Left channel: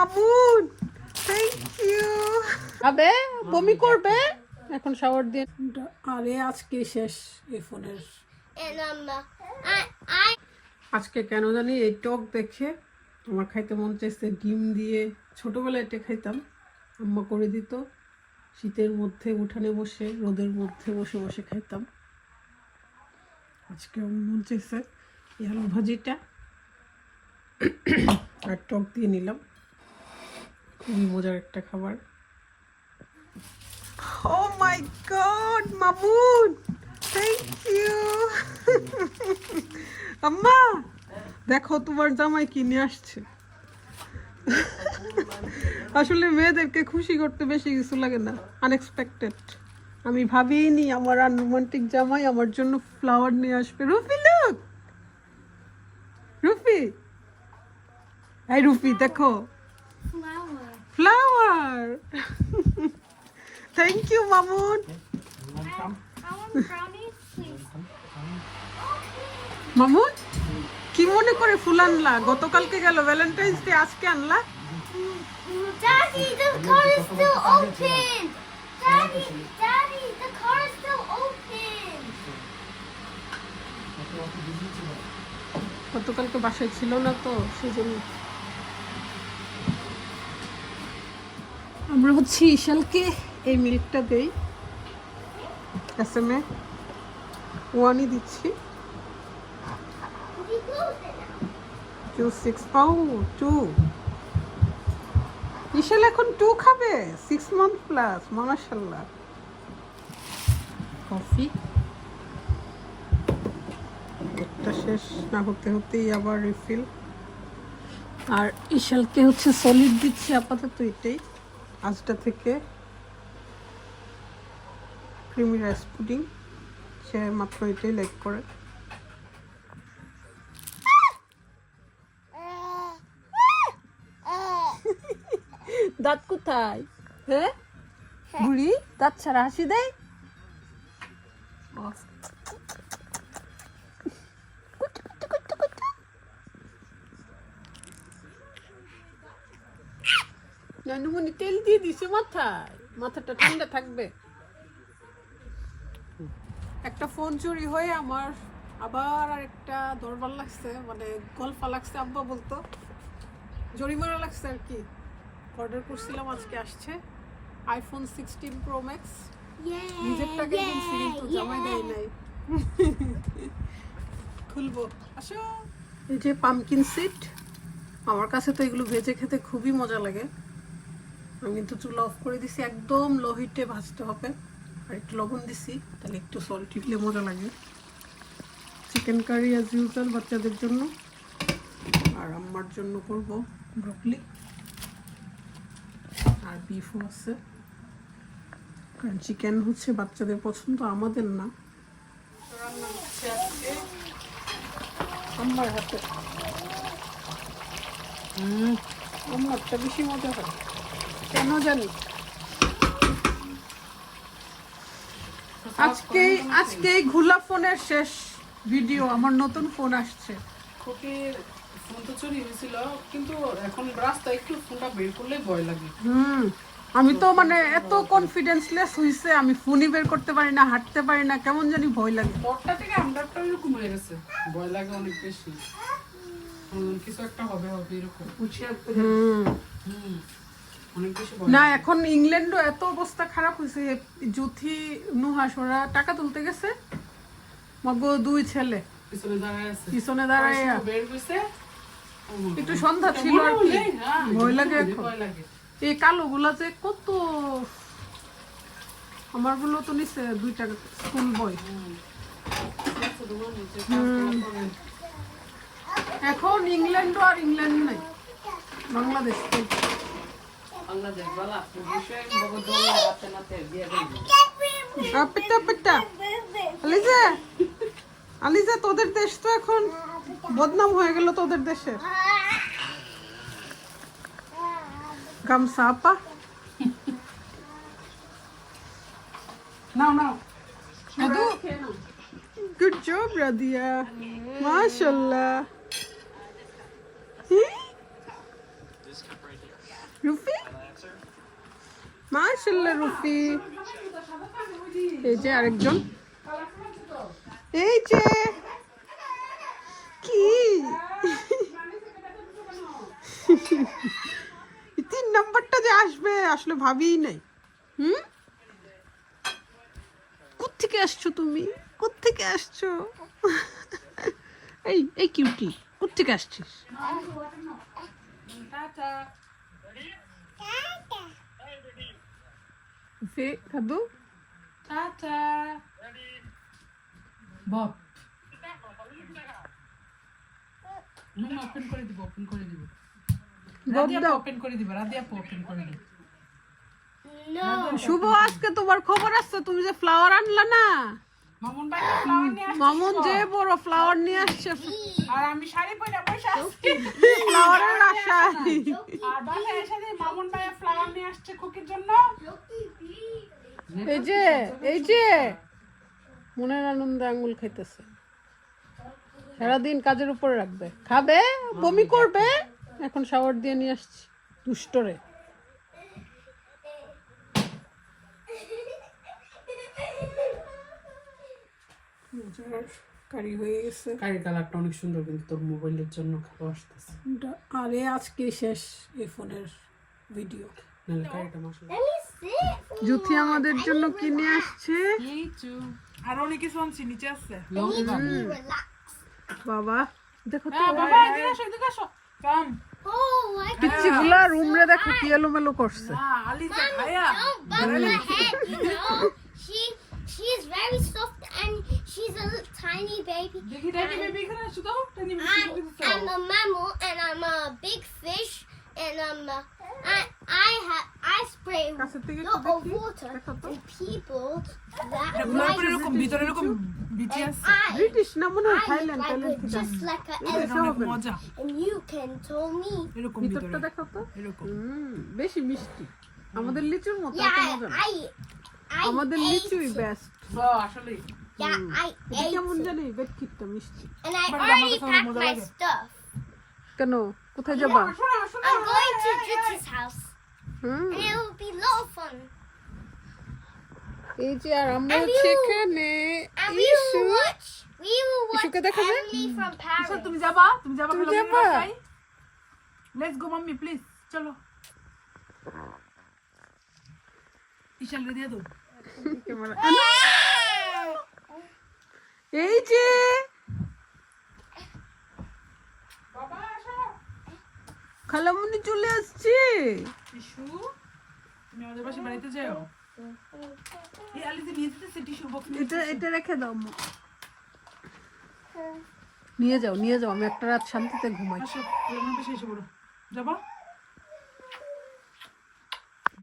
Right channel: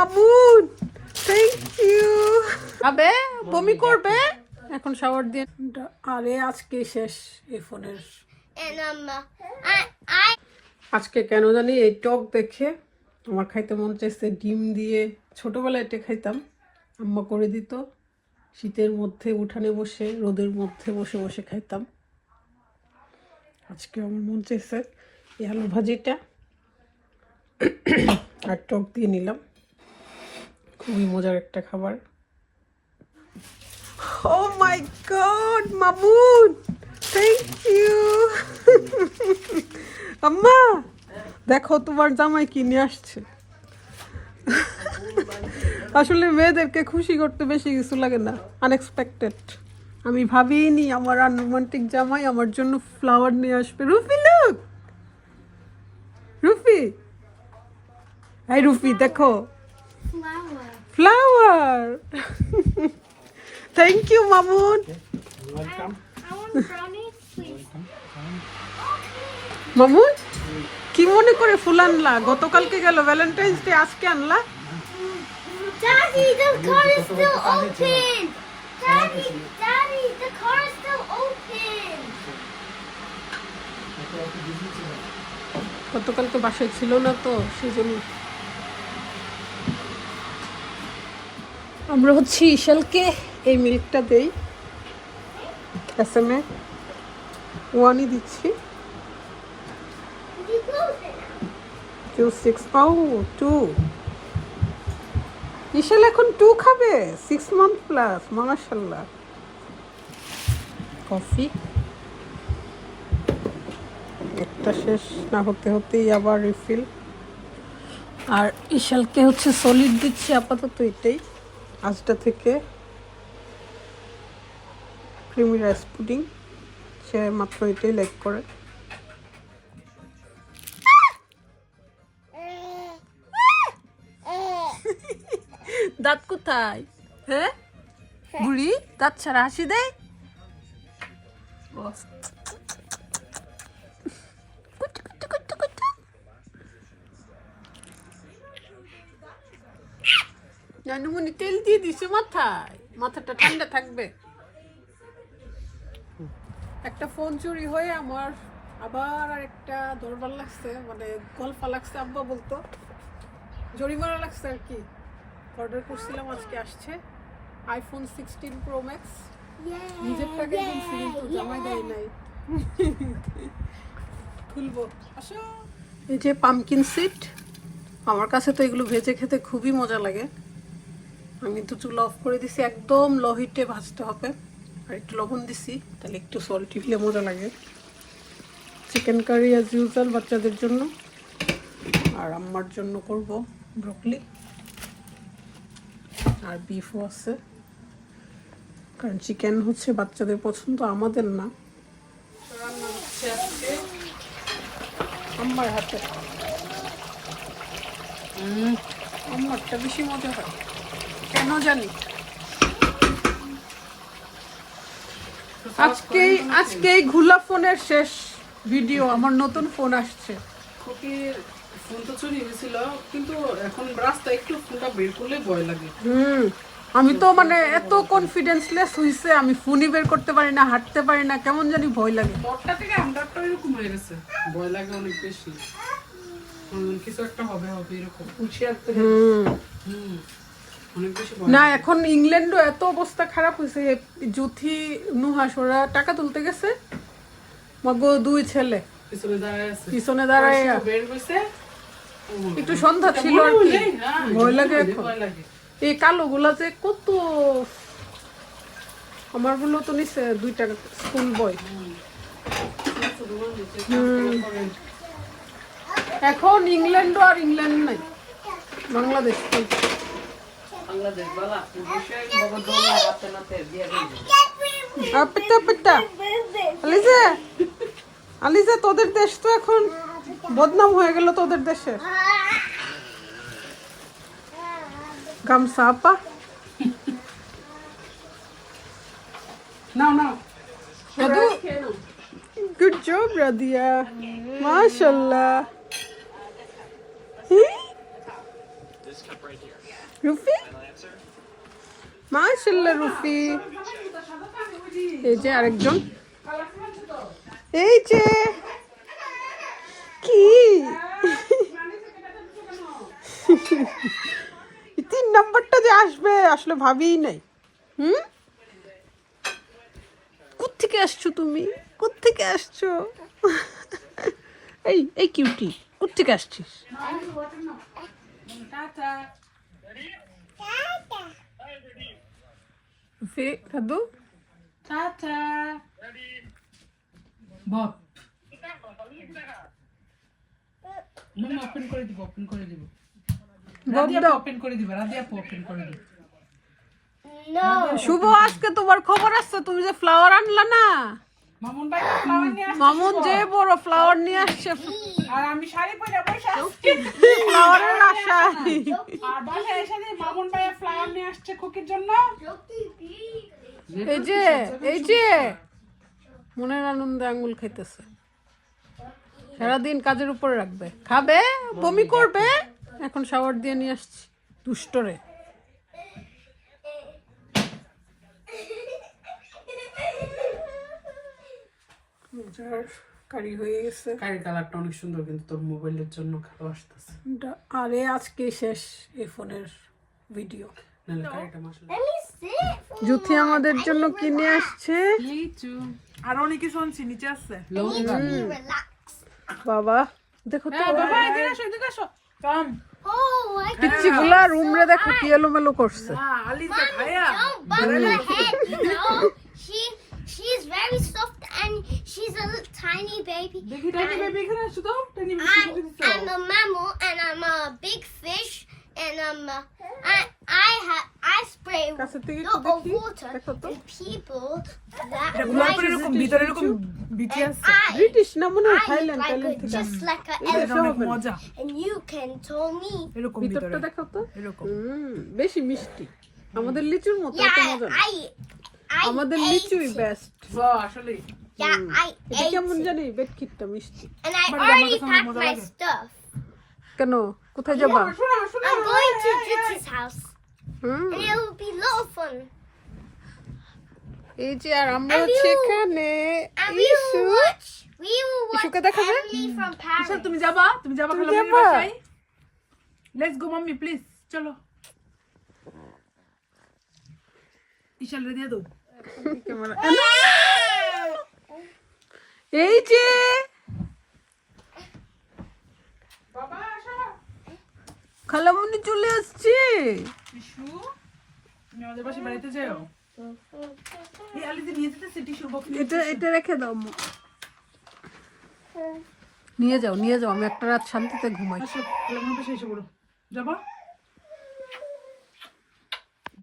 Mamun, thank you. আবে তুমি করবে এখন শাওয়ার দিয়ে। আরে আজকে শেষ এই ফোনের। আজকে কেন জানি এই টক দেখে আমার খাইতে মন চাইছে ডিম দিয়ে। ছোটবেলায় এটা খাইতাম, আম্মা করে দিত। শীতের মধ্যে উঠানে বসে রোদের মধ্যে বসে বসে খাইতাম। আজকে আমার মন চাইছে এই আলু ভাজিটা আর টক দিয়ে নিলাম। খুবই মজার একটা খাবার। ও মাই গড মামুন, থ্যাংক ইউ। আম্মা দেখো তোমার জামাই কি নিয়ে আসছে। আসলে মেয়েদেরকে খুশি করতে বেশি কিছু লাগে না, আনএক্সপেক্টেড। আমি ভাবিনি আমার আনরোমান্টিক জামাই আমার জন্য ফ্লাওয়ার নিয়ে আসবে। রুফি লুক, রুফি, এই রুফি দেখো flower. Thank you Mamun. Mamun কি মনে করে ফুল আনলা? গতকালকে গেল ভ্যালেন্টাইন্স ডে, আজকে আনলা? Daddy, the car is still open. Daddy, the car is still open. গতকালকে বাসায় ছিল না তো সেই জন্য। আমরা হচ্ছে ইশালকে এই মিল্কটা দেই, এসএমএ ওয়ানই দিচ্ছি। You close it now. 6 পাও 2 ইশাল এখন 2 খাবে, 6 মান্থ প্লাস। মাশাআল্লাহ। কফি একটা শেষ না হতে হতেই আবার রিফিল। আর ইশালকে হচ্ছে সলিড দিচ্ছি আপাতত এটাই। আজটা থেকে ক্রিমি রাইস পুডিং, সে মাত্র এটাই লাইক করে। দাঁত কোথায়? হ্যাঁ বুড়ি দাঁত ছাড়া হাসি দেয়। নানুমনি তেল দিয়ে দিছে মাথায়, মাথাটা ঠান্ডা থাকবে। একটা ফোন চুরি হয়ে আমার আবার আরেকটা দরবার লাগছে, মানে গল্পা লাগছে। আব্বা বলতো জরিমানা লাগছে আর কি। অর্ডার করছিলাম, আজকে আসছে আইফোন 16 প্রো ম্যাক্স। নিজের টাকা কিনছি কিন্তু জামাই দেয় নাই। খুলবো আসো। এই যে পামকিন সিড, আমার কাছে তো এগুলো ভেজে খেতে খুবই মজা লাগে। আমি কিন্তু চুলা অফ করে দিছি, একদম লো হিটে ভাজতে হবে। আর একটু লবণ দিছি, তাহলে একটু সল্টি দিলে মজা লাগে। চিকেন কারি অ্যাজ ইউজুয়াল বাচ্চাদের জন্য, আর আম্মার জন্য করব ব্রকলি। আর বিফও আছে, কারণ চিকেন হচ্ছে বাচ্চাদের পছন্দ, আমাদের না। আম্মার হাতে আম্মারটা বেশি মজা কেন জানি। আজকেই ঘুলা ফোনের শেষ ভিডিও। আমার নতুন ফোন আসছে। খুকির ফোন তো চুরি হয়েছিল, কিন্তু এখন রাস্তায় একটু ফোনটা বের করলে ভয় লাগে। আমি তো মানে এত কনফিডেন্সলেস হইছে, আমি ফোনই বের করতে পারি না, হাঁটতে পারি না, কেমন জানি ভয় লাগে। পরটা থেকে আমরাটা এরকম হয়ে গেছে, ভয় লাগে অনেক বেশি। কিছু একটা হবে হবে এরকম অনেক বেশি ভয় না। এখন ইংল্যান্ডও এত অবস্থা খারাপ হয়েছে, জুথি নুহাস ওরা টাকা তুলতে গেছে, মগো 2 ছেলে পিছনে দাঁড়ায় বের হইছে। একটু সন্ধ্যা ছিল আর কি, ভয় লাগে এখন। এই কালো গুলা যে কত, আমার গুলো তো নিচে 2 টাকা স্কুল বই। এখন ইংল্যান্ডও আর ইংল্যান্ড নাই, বাংলাদেশ। আলিজা তোদের দেশ তো এখন বদনাম হয়ে গেল, তোদের দেশে। গামছা আপা নাও নাও। গুড জব রাদিয়া, মাশাআল্লাহ। রুফি মাশাআল্লাহ রুফি। এই যে আরেকজন, এই যে কি 3 নম্বরটা যে আসবে আসলে ভাবিই নাই। কোত্থেকে আসছো তুমি, কোত্থেকে আসছো? এই কিউটি কোত্থেকে আসছিস? খাদু টাটা বব মন ওপেন করে দিব, ওপেন করে দিব। রাদিয়া ওপেন করে দিব, রাদিয়া ওপেন করে দিব। No. শুভ, আজকে তোমার খবর আছে, তুমি যে ফ্লাওয়ার আনলা না, মামুন ভাই ফ্লাওয়ার নিয়ে আসছে। মামুন যে বড় ফ্লাওয়ার নিয়ে আসছে, আর আমি শাড়ি পরে বসে আছি। ফ্লাওয়ারের আশায়। আর বাসায় এসে মামুন ভাই ফ্লাওয়ার নিয়ে আসছে খুকির জন্য। এই যে মনের আনন্দে আঙ্গুল খাইতেছে, সারাদিন কাজের উপরে রাখবে, খাবে বমি করবে, এখন শাওয়ার দিয়ে নিয়ে আসছি দুষ্টরে। কারি হয়ে গেছে, কারি কালারটা অনেক সুন্দর, কিন্তু তোর মোবাইলের জন্য খারাপ আসতেছে। আরে আজকে শেষ এই ফোনের ভিডিও। নাহলে কারিটা মাশাআল্লাহ। Let me sit. জুথি আমাদের জন্য কিনে আসছে লিচু আর অনেক কিছু আনছি, নিচে আছে। লঙ্কা। Relax. বাবা, দেখো তো বাবা এদিকে আসো, এদিকে আসো। কাম। Oh, I পিচ্ছি গুলা রুমরে দেখো কি এলোমেলো করছে। আলিজা ভাইয়া don't bump her head. No, she's very soft and she's a little tiny baby. দেখি টাইনি বেবি এখানে আসো তো, টাইনি বেবি মুখে দিছো। I'm a mammal and I'm a big fish and I spray কাছের থেকে একটু দেখি, water দেখো তো। to people that এগুলোর পরে এরকম ভিতরে এরকম বিচি আছে, ব্রিটিশ না মনে হয়, থাইল্যান্ড থাইল্যান্ড থেকে just like an এটা এটা অনেক মজা। and you can tell me. এরকম ভিতরটা ভিতরে দেখো তো, এরকম বেশি মিষ্টি, আমাদের লিচুর মতো Yeah, এত মজা না। I আমাদের ate লিচুই বেস্ট। আসলে Yeah, I এটা ate কেমন জানি বেটকিটটা মিষ্টি। and I already packed my stuff. কেন, কোথায় যাবা? I'm going to Juti's house hmm, and it will be a lot of fun. এই যে আর আমরা সেখানে And we issue, will watch ইসুকে দেখা যায়? Emily from Paris. তুমি যাবা খালা যাবা? লেটস গো মাম্মি প্লিজ চলো। ইশালকে দিয়ে দাও। এই যে বাবা আসো। খালামুনি চলে আসছে। টিস্যু আমি আমাদের পাশে বাড়িতে যাও। এই আলিজা নিয়ে যেতেছে টিস্যুর বক্স। এটা রেখে দাও আম্মু। নিয়ে যাও, আমি একটা রাত শান্তিতে ঘুমাই। আসো, আমার পাশে এসে পড়ো। যাবা?